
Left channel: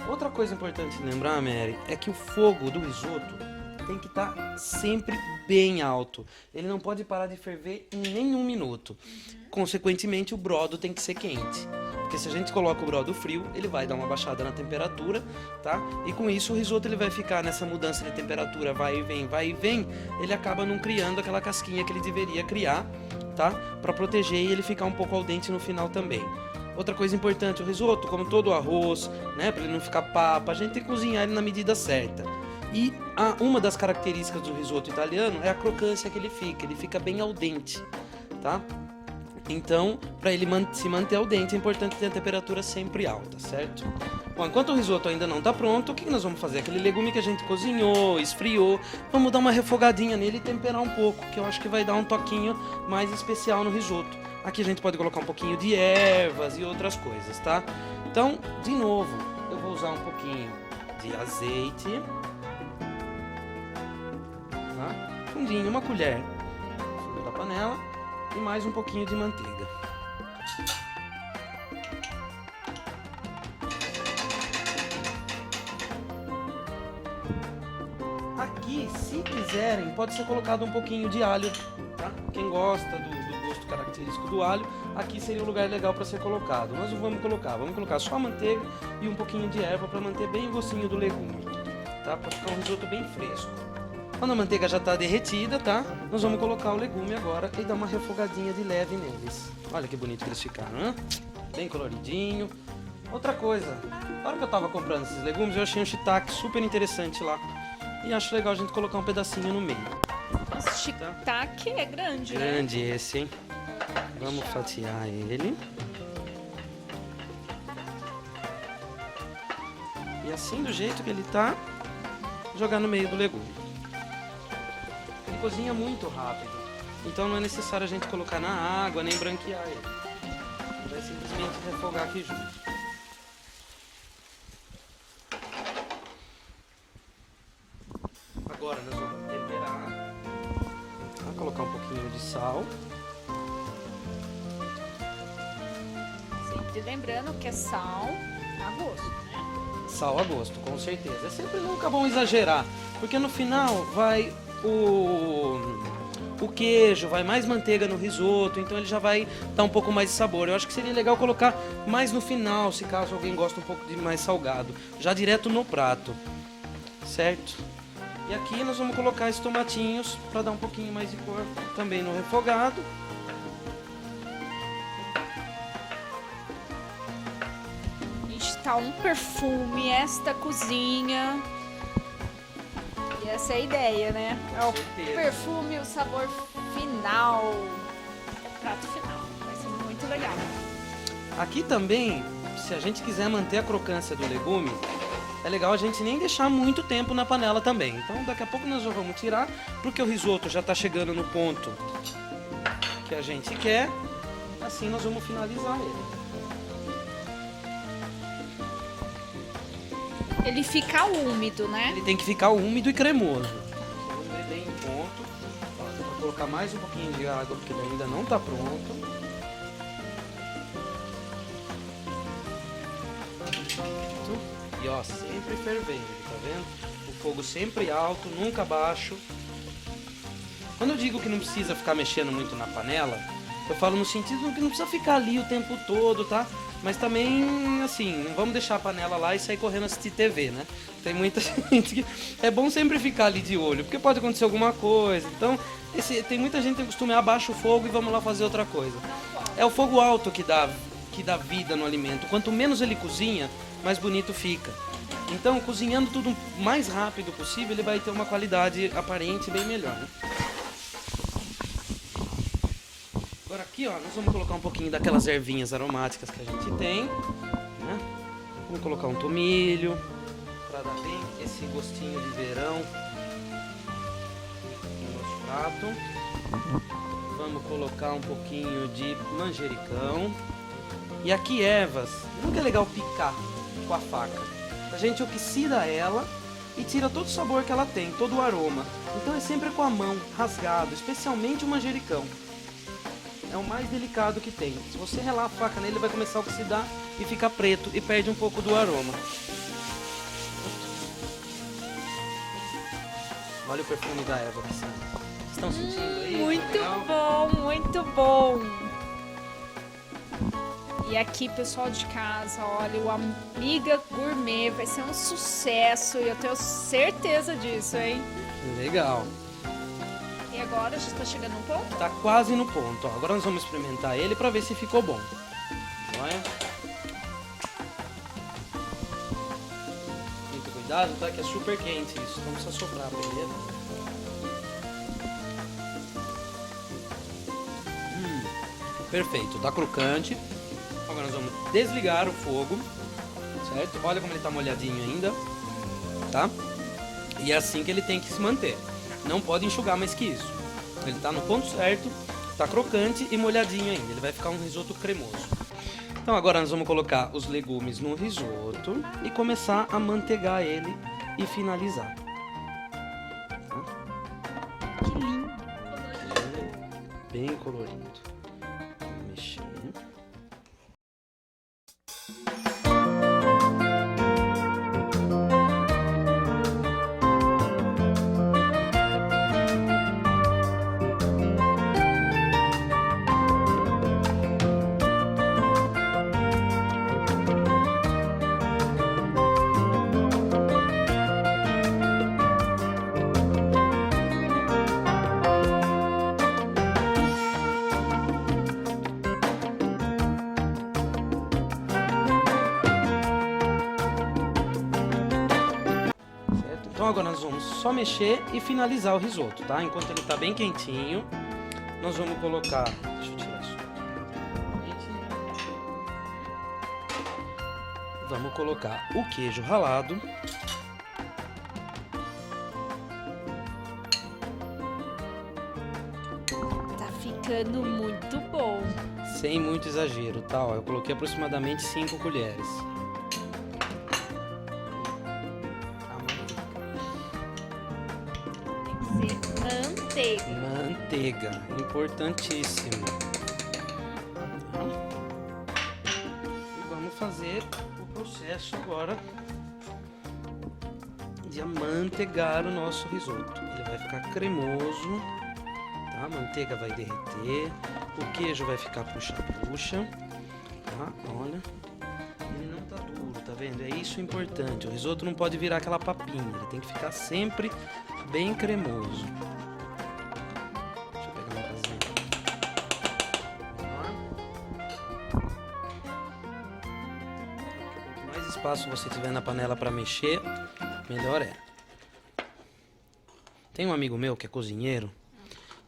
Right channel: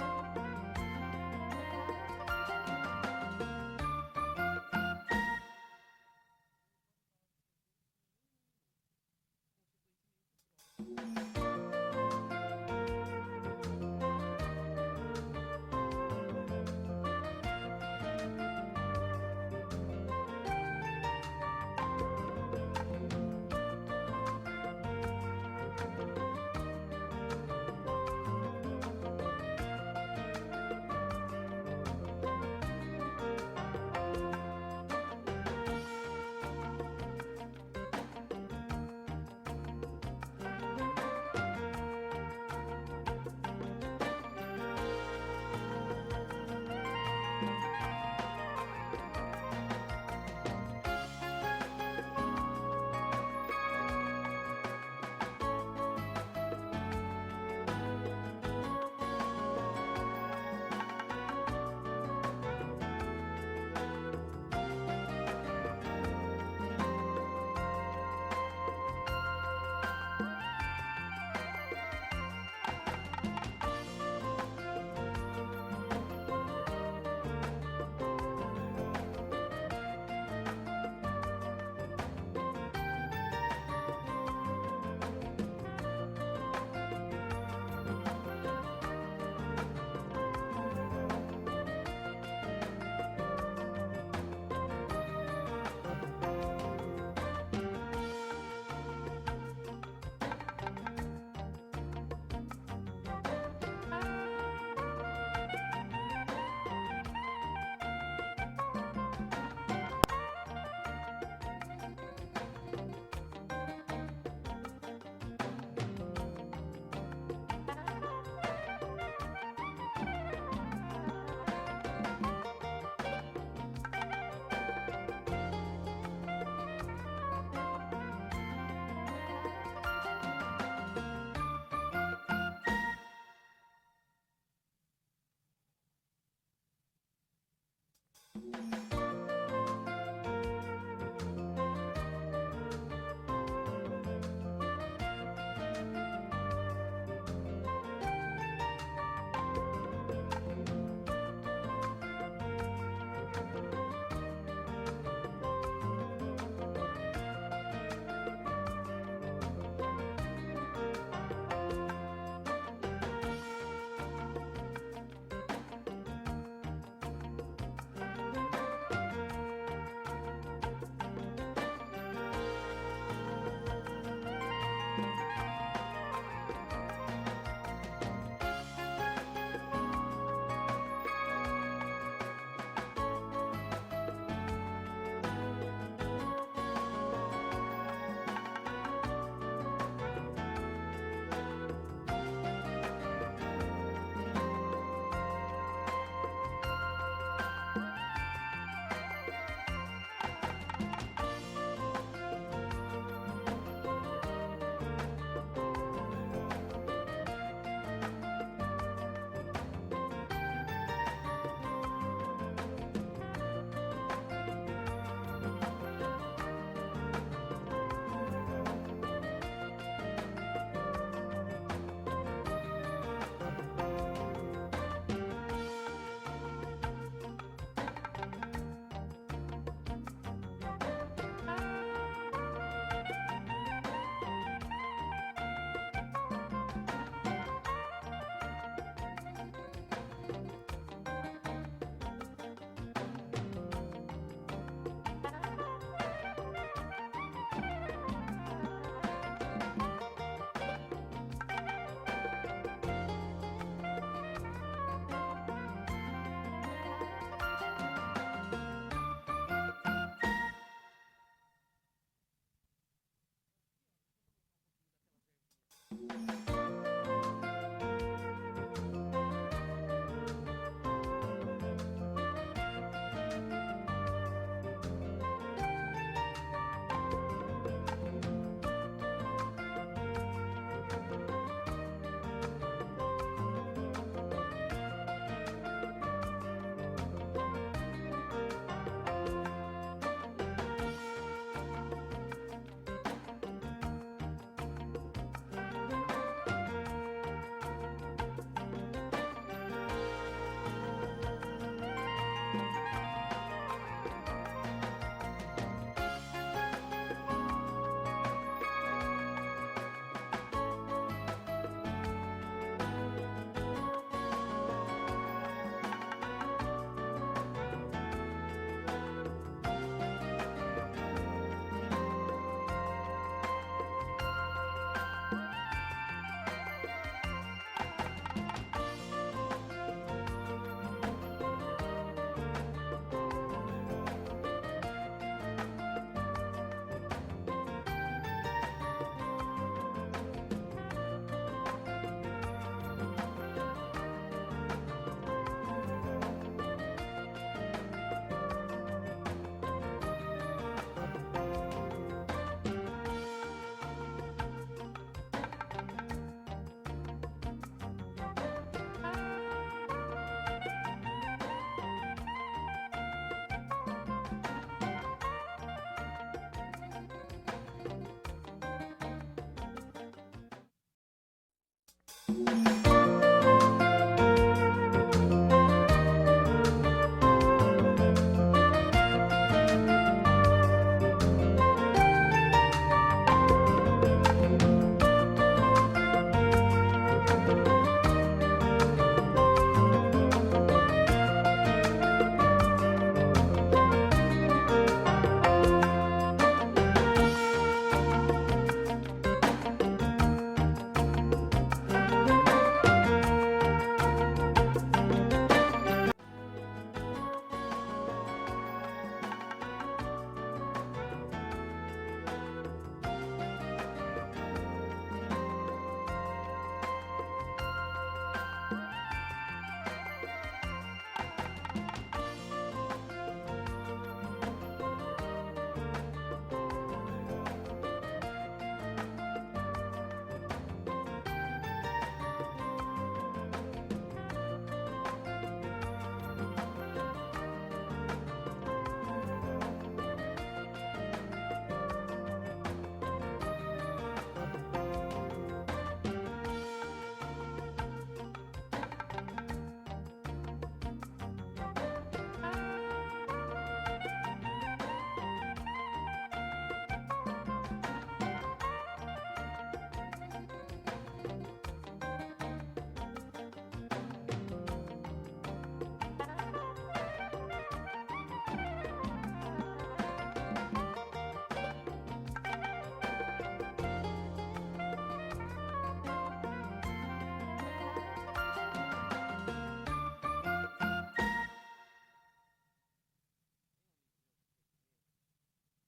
Outra coisa importante lembrar, Mary, é que o fogo do risoto tem que estar sempre bem alto. Ele não pode parar de ferver em nenhum minuto. Consequentemente, o brodo tem que ser quente. Porque se a gente coloca o brodo frio, ele vai dar uma baixada na temperatura, tá? E com isso o risoto ele vai ficar nessa mudança de temperatura, vai e vem, ele acaba não criando aquela casquinha que ele deveria criar, tá? Para proteger e ele ficar um pouco al dente no final também. Outra coisa importante, o risoto, como todo o arroz, né, para ele não ficar papa, a gente tem que cozinhar ele na medida certa. E uma das características do risoto italiano é a crocância que ele fica bem al dente, tá? Então, para ele se manter al dente, é importante ter a temperatura sempre alta, certo? Bom, enquanto o risoto ainda não está pronto, o que nós vamos fazer? Aquele legume que a gente cozinhou, esfriou, vamos dar uma refogadinha nele e temperar um pouco, que eu acho que vai dar um toquinho mais especial no risoto. Aqui a gente pode colocar um pouquinho de ervas e outras coisas, tá? Então, de novo, eu vou usar um pouquinho de azeite, tá? Um vinho, uma colher da panela e mais um pouquinho de manteiga. Aqui, se quiserem, pode ser colocado um pouquinho de alho, tá? Quem gosta do gosto característico do alho, aqui seria um lugar legal para ser colocado. Nós vamos colocar só a manteiga e um pouquinho de erva para manter bem o gostinho do legume, tá? Para ficar um risoto bem fresco. Quando a manteiga já está derretida, tá? Nós vamos colocar o legume agora e dar uma refogadinha de leve neles. Olha que bonito que eles ficaram, né? Bem coloridinho. Outra coisa, na hora que eu estava comprando esses legumes, eu achei um shiitake super interessante lá. E acho legal a gente colocar um pedacinho no meio. Esse shiitake é grande, né? Grande esse, hein? Vamos fatiar ele. E assim, do jeito que ele tá, jogar no meio do legume. Ele cozinha muito rápido, então não é necessário a gente colocar na água, nem branquear ele. É simplesmente refogar aqui junto. Agora nós vamos temperar. Vou colocar um pouquinho de sal. Sempre lembrando que é sal a gosto, né? Sal a gosto, com certeza. É sempre nunca bom exagerar, porque no final vai o queijo, vai mais manteiga no risoto, então ele já vai dar um pouco mais de sabor. Eu acho que seria legal colocar mais no final, se caso alguém gosta um pouco de mais salgado, já direto no prato, certo? E aqui nós vamos colocar esses tomatinhos para dar um pouquinho mais de cor também no refogado. Está um perfume, esta cozinha. E essa é a ideia, né? É o perfume, o sabor final. Prato final. Vai ser muito legal. Aqui também, se a gente quiser manter a crocância do legume, é legal a gente nem deixar muito tempo na panela também. Então daqui a pouco nós já vamos tirar, porque o risoto já está chegando no ponto que a gente quer. Assim nós vamos finalizar ele. Ele fica úmido, né? Ele tem que ficar úmido e cremoso. Vamos ver bem o ponto. Vou colocar mais um pouquinho de água, porque ele ainda não está pronto. E ó, sempre fervendo, tá vendo? O fogo sempre alto, nunca baixo. Quando eu digo que não precisa ficar mexendo muito na panela, Eu falo no sentido que não precisa ficar ali o tempo todo, tá? Mas também, assim, não vamos deixar a panela lá e sair correndo assistir TV, né? Tem muita gente que... É bom sempre ficar ali de olho, porque pode acontecer alguma coisa. Então, tem muita gente que tem costume, abaixa o fogo e vamos lá fazer outra coisa. É o fogo alto que dá vida no alimento. Quanto menos ele cozinha, mais bonito fica. Então, cozinhando tudo o mais rápido possível, ele vai ter uma qualidade aparente bem melhor. Agora aqui, ó, nós vamos colocar um pouquinho daquelas ervinhas aromáticas que a gente tem, né? Vamos colocar um tomilho, para dar bem esse gostinho de verão no nosso prato. Vamos colocar um pouquinho de manjericão. E aqui ervas, nunca é legal picar com a faca. A gente oxida ela e tira todo o sabor que ela tem, todo o aroma. Então é sempre com a mão, rasgado, especialmente o manjericão. É o mais delicado que tem. Se você relar a faca nele, ele vai começar a oxidar e ficar preto e perde um pouco do aroma. Olha o perfume da erva. Vocês estão sentindo aí? Muito bom, muito bom. E aqui, pessoal de casa, olha, o Amiga Gourmet vai ser um sucesso e eu tenho certeza disso, hein? Legal. E agora, já está chegando no ponto? Tá quase no ponto, ó. Agora nós vamos experimentar ele para ver se ficou bom. Olha. Muito cuidado, tá? Que é super quente isso, não precisa soprar pra ele. Perfeito, tá crocante. Agora nós vamos desligar o fogo, certo? Olha como ele tá molhadinho ainda, tá? E é assim que ele tem que se manter. Não pode enxugar mais que isso. Ele tá no ponto certo, tá crocante e molhadinho ainda. Ele vai ficar um risoto cremoso. Então agora nós vamos colocar os legumes no risoto e começar a manteigar ele e finalizar. Que lindo. Bem colorido. Mexendo. Então agora nós vamos só mexer e finalizar o risoto, tá? Enquanto ele tá bem quentinho, nós vamos colocar... Deixa eu tirar isso. Vamos colocar o queijo ralado. Tá ficando muito bom. Sem muito exagero, tá? Ó, eu coloquei aproximadamente 5 colheres. Manteiga. Manteiga, importantíssimo. E vamos fazer o processo agora de amanteigar o nosso risoto. Ele vai ficar cremoso, tá? A manteiga vai derreter, o queijo vai ficar puxa-puxa, tá? Olha, ele não tá duro, tá vendo? É isso importante. O risoto não pode virar aquela papinha, ele tem que ficar sempre bem cremoso. Se você tiver na panela para mexer, melhor é. Tem um amigo meu que é cozinheiro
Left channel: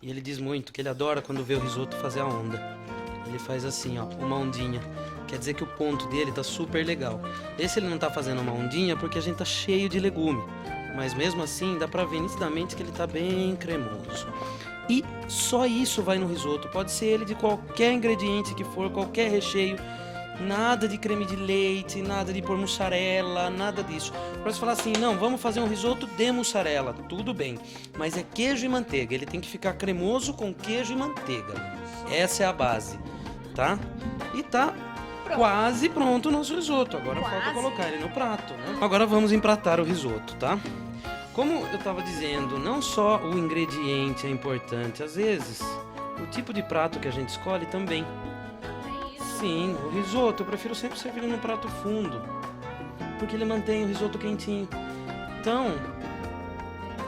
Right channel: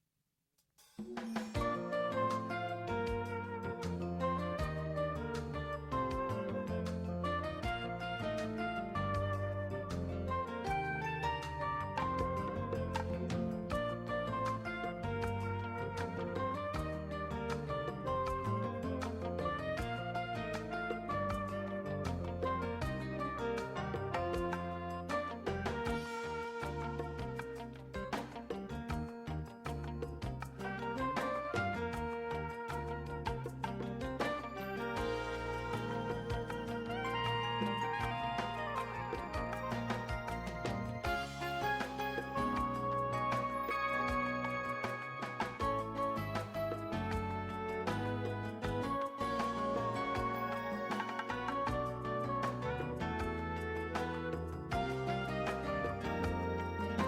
e ele diz muito que ele adora quando vê o risoto fazer a onda. Ele faz assim, ó, uma ondinha. Quer dizer que o ponto dele tá super legal. Esse ele não tá fazendo uma ondinha porque a gente tá cheio de legume, mas mesmo assim dá pra ver nitidamente que ele tá bem cremoso. E só isso vai no risoto. Pode ser ele de qualquer ingrediente que for, qualquer recheio. Nada de creme de leite, nada de pôr mussarela, nada disso. Pra você falar assim, não, vamos fazer um risoto de mussarela, tudo bem. Mas é queijo e manteiga, ele tem que ficar cremoso com queijo e manteiga. Essa é a base, tá? E tá quase pronto o nosso risoto. Agora falta colocar ele no prato, né? Agora vamos empratar o risoto, tá? Como eu tava dizendo, não só o ingrediente é importante, às vezes o tipo de prato que a gente escolhe também. Sim, o risoto eu prefiro sempre servir no prato fundo, porque ele mantém o risoto quentinho. Então,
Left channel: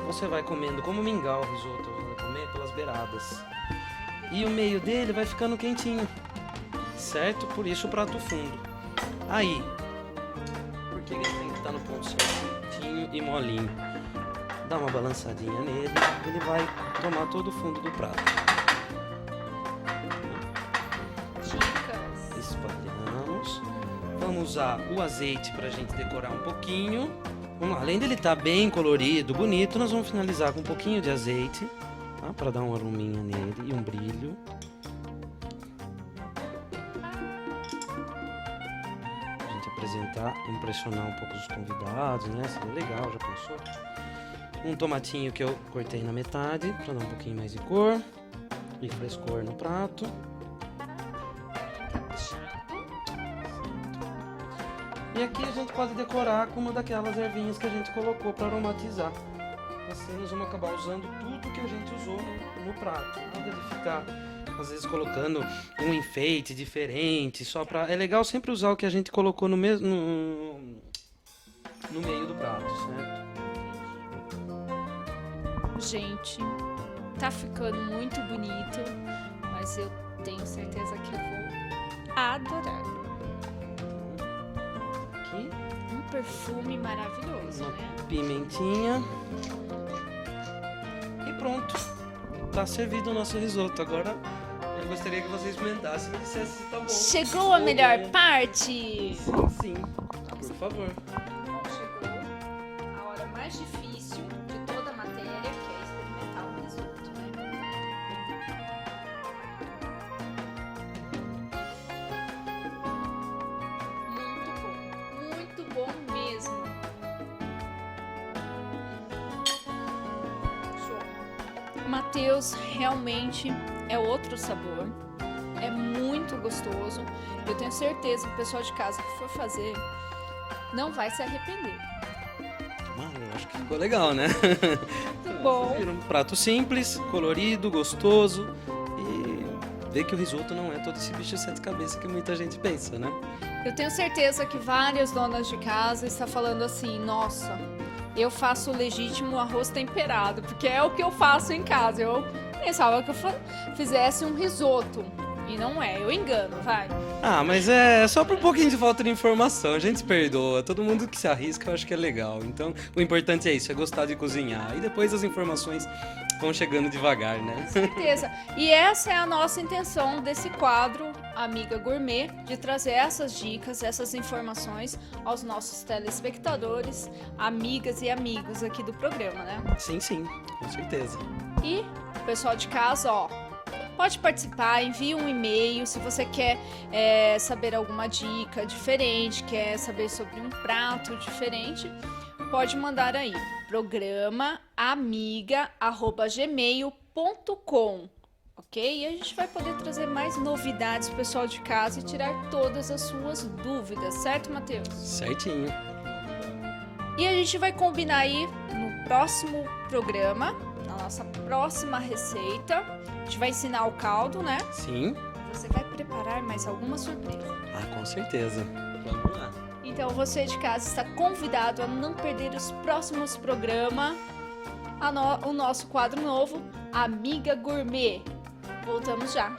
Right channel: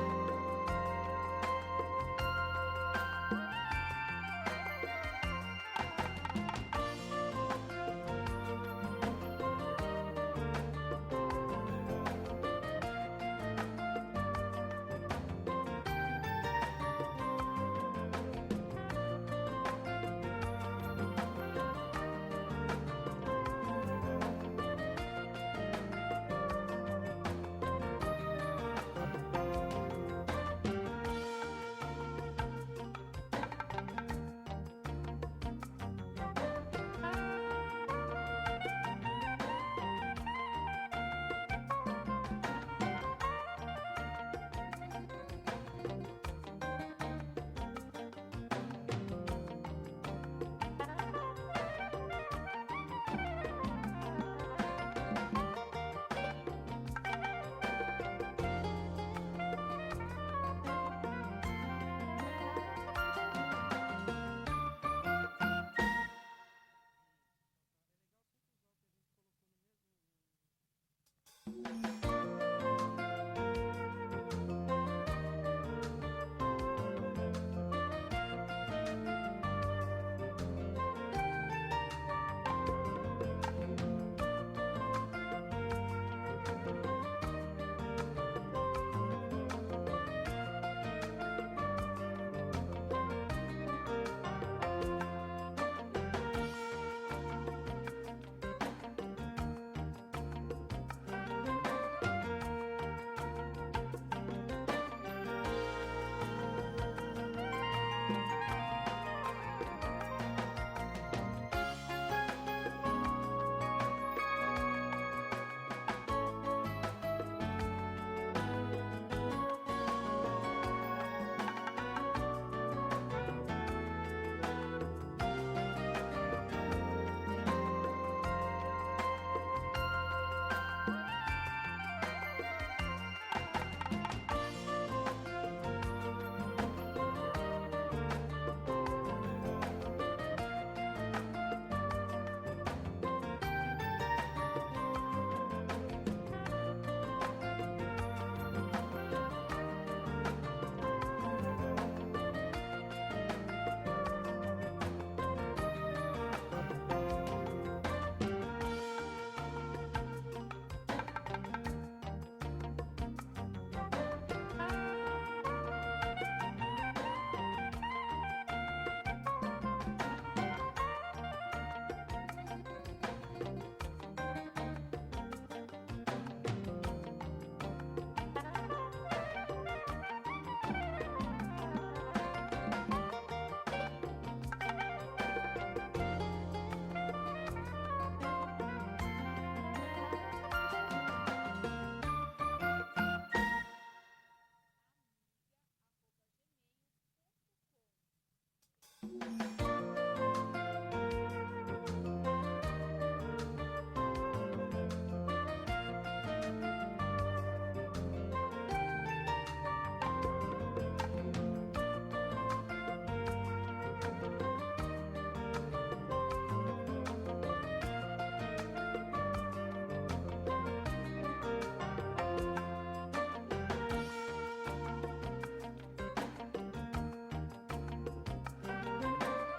você vai comendo como mingau o risoto, vai comer pelas beiradas. E o meio dele vai ficando quentinho, certo? Por isso o prato fundo. Aí, porque ele tem que estar no ponto certinho e molinho. Dá uma balançadinha nele, ele vai tomar todo o fundo do prato. Espalhamos. Vamos usar o azeite pra gente decorar um pouquinho. Vamos lá, além dele estar bem colorido, bonito, nós vamos finalizar com um pouquinho de azeite, tá? Para dar um arominha nele e um brilho. A gente apresentar, impressionar um pouco os convidados, né? Seria legal, já pensou? Um tomatinho que eu cortei na metade, para dar um pouquinho mais de cor e frescor no prato. E aqui a gente pode decorar com uma daquelas ervinhas que a gente colocou para aromatizar. Assim nós vamos acabar usando tudo que a gente usou no prato. Não deve ficar, às vezes, colocando um enfeite diferente, só para... É legal sempre usar o que a gente colocou no mesmo... no meio do prato, né? Gente, tá ficando muito bonito, mas eu tenho certeza que eu vou adorar. Um perfume maravilhoso, né? Pimentinha. E pronto. Tá servido o nosso risoto. Agora eu gostaria que vocês experimentassem. Se tá bom. Chegou a melhor parte! Sim, sim. Por favor. Chegou a hora mais difícil de toda a matéria, que é experimentar o risoto. Muito bom mesmo. Matheus, realmente é outro sabor. É muito gostoso. Eu tenho certeza que o pessoal de casa que for fazer não vai se arrepender. Eu acho que ficou legal, né? Bom. Um prato simples, colorido, gostoso. E ver que o risoto não é todo esse bicho de sete cabeças que muita gente pensa, né? Eu tenho certeza que várias donas de casa estão falando assim, nossa, eu faço o legítimo arroz temperado, porque é o que eu faço em casa. Eu pensava que eu fizesse um risoto. E não é, eu engano, vai. Ah, mas é só por um pouquinho de falta de informação, a gente se perdoa. Todo mundo que se arrisca eu acho que é legal. Então, o importante é isso, é gostar de cozinhar. E depois as informações vão chegando devagar, né? Com certeza. E essa é a nossa intenção desse quadro Amiga Gourmet, de trazer essas dicas, essas informações aos nossos telespectadores, amigas e amigos aqui do programa, né? Sim, sim, com certeza. E o pessoal de casa, ó, pode participar, envie um e-mail se você quer saber alguma dica diferente, quer saber sobre um prato diferente, pode mandar aí, programa amiga@gmail.com, ok? E a gente vai poder trazer mais novidades pro pessoal de casa e tirar todas as suas dúvidas, certo, Matheus? Certinho. E a gente vai combinar aí no próximo programa, na nossa próxima receita. A gente vai ensinar o caldo, né? Sim. Você vai preparar mais alguma surpresa. Ah, com certeza. Vamos lá. Então você de casa está convidado a não perder os próximos programas, o nosso quadro novo, Amiga Gourmet. Voltamos já.